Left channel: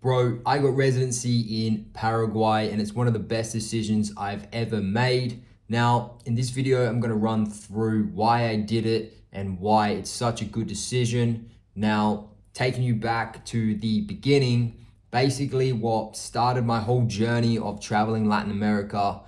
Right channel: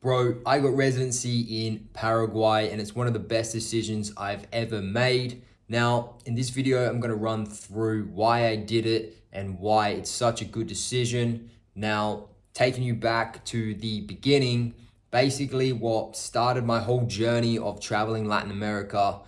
Bro, I got residency in Paraguay and it's one of the best decisions I've ever made. Now, in this video, I'm going to run through why I did it and why it's such a good decision. Now, taking you back to the beginning, basically what started my whole journey of traveling Latin America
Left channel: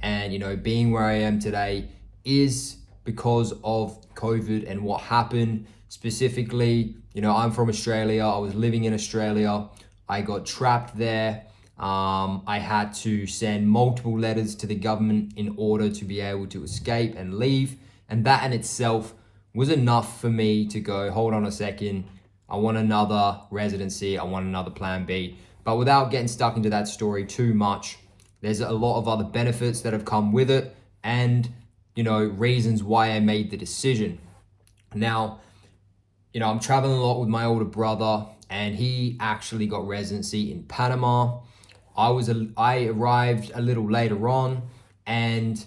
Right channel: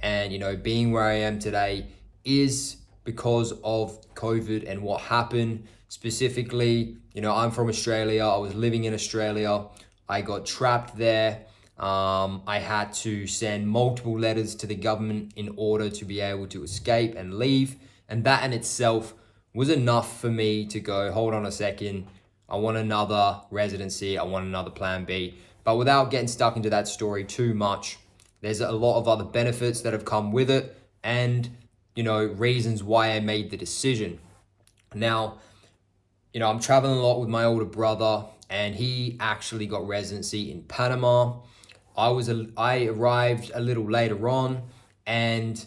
and, being where I am today is because of COVID and what happened. Specifically, I'm from Australia. I was living in Australia. I got trapped there. I had to send multiple letters to the government in order to be able to escape and leave. And that in itself was enough for me to go, hold on a second. I want another residency. I want another plan B. But without getting stuck into that story too much, there's a lot of other benefits that have come with it and, reasons why I made the decision. Now, I'm traveling a lot with my older brother and he actually got residency in Panama. I arrived a little later on and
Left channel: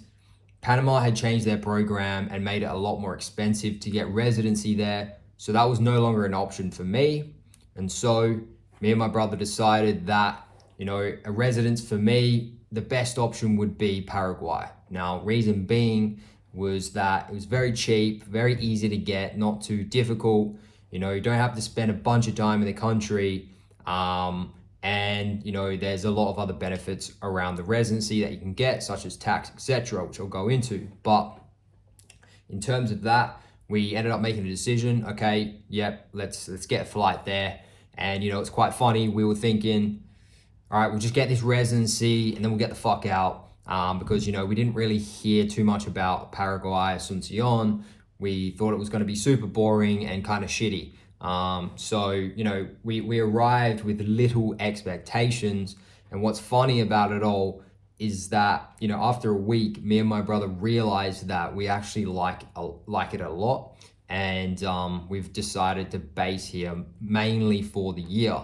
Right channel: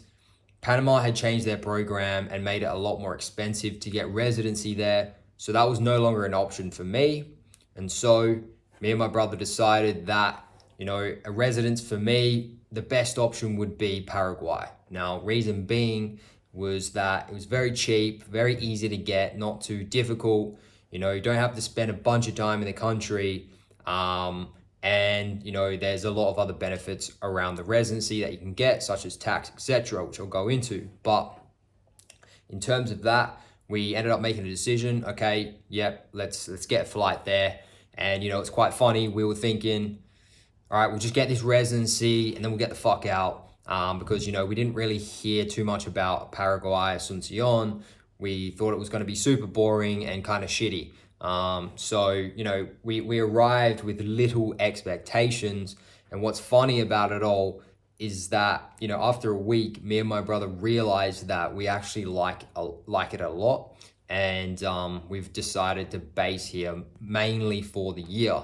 Panama had changed their program and made it a lot more expensive to get residency there. So that was no longer an option for me. And so me and my brother decided that, a residence for me, the best option would be Paraguay. Now, reason being was that it was very cheap, very easy to get, not too difficult. You don't have to spend a bunch of time in the country. And there's a lot of other benefits around the residency that you can get, such as tax, etc., which I'll go into. But in terms of that, we ended up making a decision. Okay, yep, let's get a flight there. And it's quite funny. We were thinking, all right, we'll just get this residency and then we'll get the fuck out. Because we didn't really hear too much about Paraguay, Asuncion. We thought it was going to be super boring and kind of shitty. So we arrived with little expectations. And what's funny about it all is that after a week, me and my brother realized that we actually like it a lot, and we've decided to base here mainly for the year.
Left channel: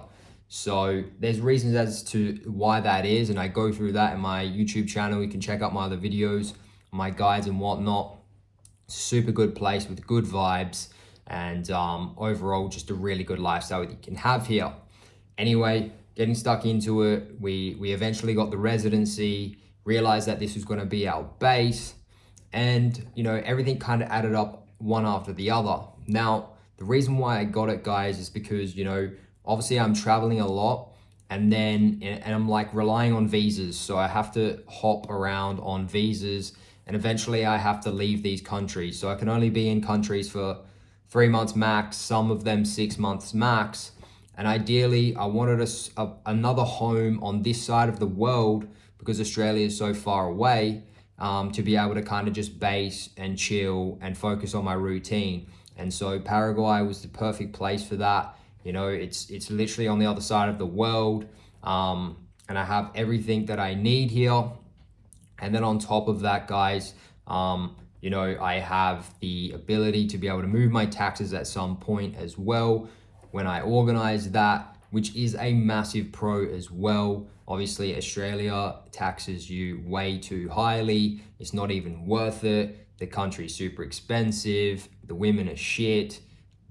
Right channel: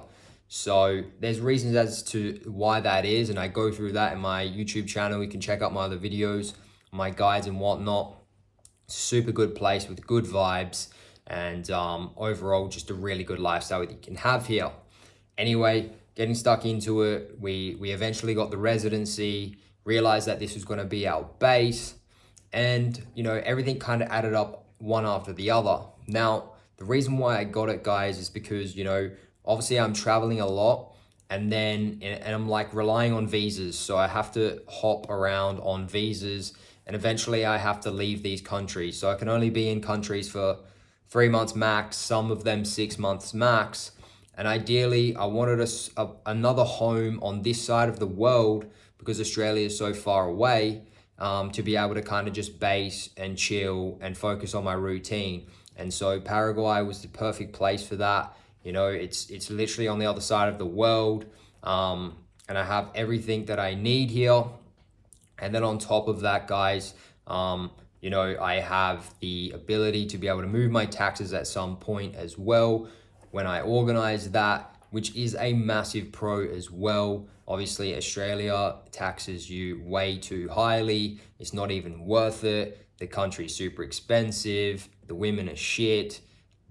So there's reasons as to why that is, and I go through that in my YouTube channel. You can check out my other videos, my guides and whatnot. Super good place with good vibes and overall just a really good lifestyle that you can have here. Anyway, getting stuck into it, we eventually got the residency, realized that this was going to be our base, and everything kind of added up one after the other. Now, the reason why I got it, guys, is because obviously I'm traveling a lot and I'm like relying on visas. So I have to hop around on visas and eventually I have to leave these countries. So I can only be in countries for 3 months max, some of them 6 months max. And ideally I wanted another home on this side of the world because Australia is so far away, to be able to kind of just base and chill and focus on my routine. And so Paraguay was the perfect place for that. It's literally on the other side of the world, and I have everything that I need here. And then on top of that, guys, I have the ability to be able to move my taxes at some point as well when I organize that, which is a massive pro as well. Obviously, Australia taxes you way too highly. It's not even worth it. The country's super expensive. The women are shit.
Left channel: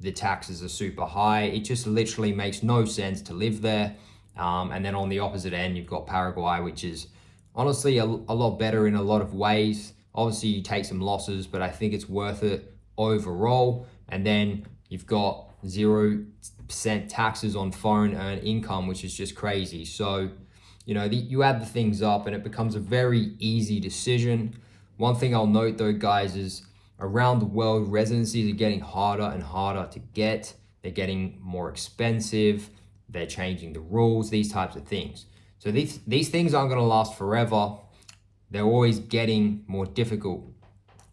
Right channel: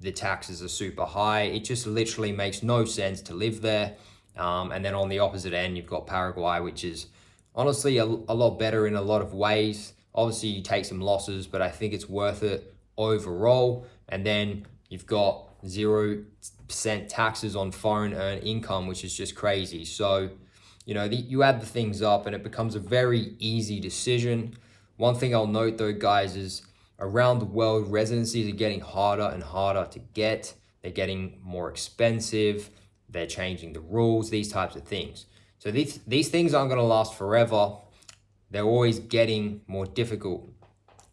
The taxes are super high. It just literally makes no sense to live there. And then on the opposite end, you've got Paraguay, which is honestly a lot better in a lot of ways. Obviously, you take some losses, but I think it's worth it overall. And then you've got 0% taxes on foreign earned income, which is just crazy. So, you add the things up and it becomes a very easy decision. One thing I'll note though, guys, is around the world, residencies are getting harder and harder to get. They're getting more expensive. They're changing the rules, these types of things. So these things aren't going to last forever. They're always getting more difficult.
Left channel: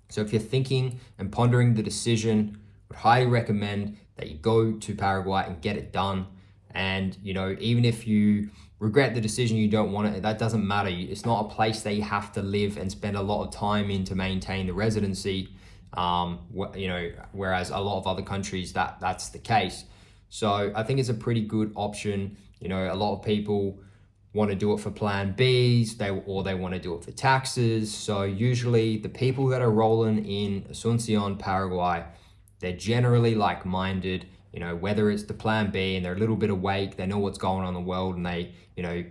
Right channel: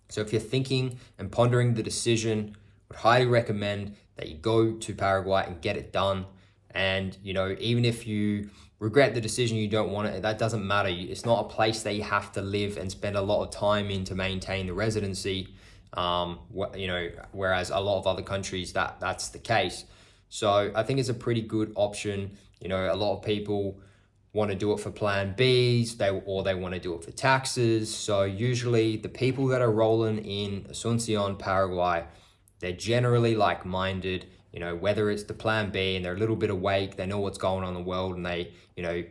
So if you're thinking and pondering the decision, I would highly recommend that you go to Paraguay and get it done. And, even if you regret the decision, you don't want it, that doesn't matter. It's not a place that you have to live and spend a lot of time in to maintain the residency. Whereas a lot of other countries that's the case. So I think it's a pretty good option. A lot of people want to do it for plan Bs, they want to do it for taxes. So usually the people that are rolling in Asuncion, Paraguay, they're generally like-minded. you know, whether it's the plan B and they're a little bit awake, they know what's going on in the world, and they, you know,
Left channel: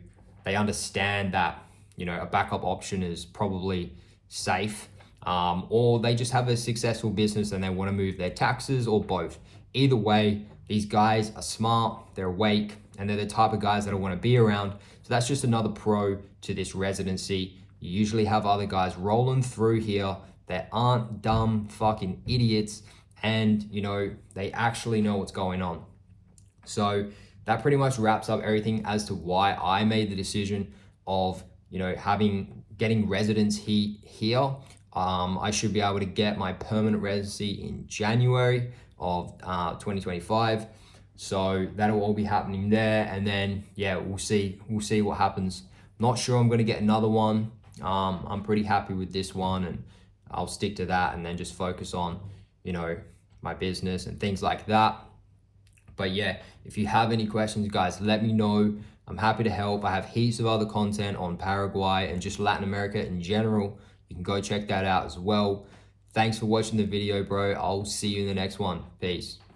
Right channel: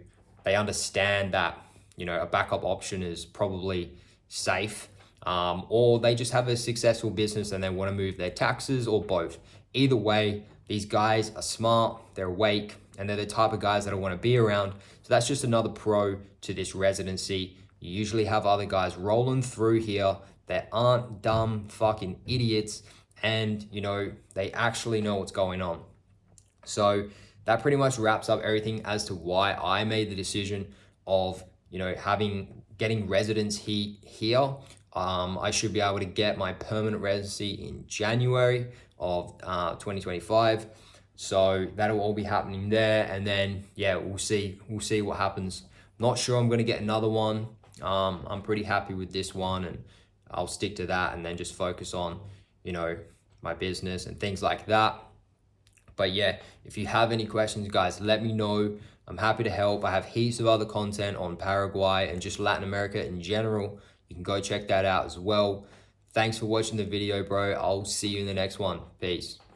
they understand that, you know, a backup option is probably safe, or they just have a successful business and they want to move their taxes, or both. Either way, these guys are smart, they're awake, and they're the type of guys that I want to be around. So that's just another pro to this residency. You usually have other guys rolling through here that aren't dumb fucking idiots, and you know, they actually know what's going on. So that pretty much wraps up everything as to why I made the decision of, you know, getting residence here. I should be able to get my permanent residency in January of 2025. So that'll all be happening there, and then yeah, we'll see what happens. Not sure I'm going to get another one. I'm pretty happy with this one, and I'll stick to that, and then just focus on, you know, my business and things like that. But yeah, if you have any questions, guys, let me know. I'm happy to help. I have heaps of other content on Paraguay and just Latin America in general. You can go check that out as well. Thanks for watching the video, bro. I'll see you in the next one. Peace.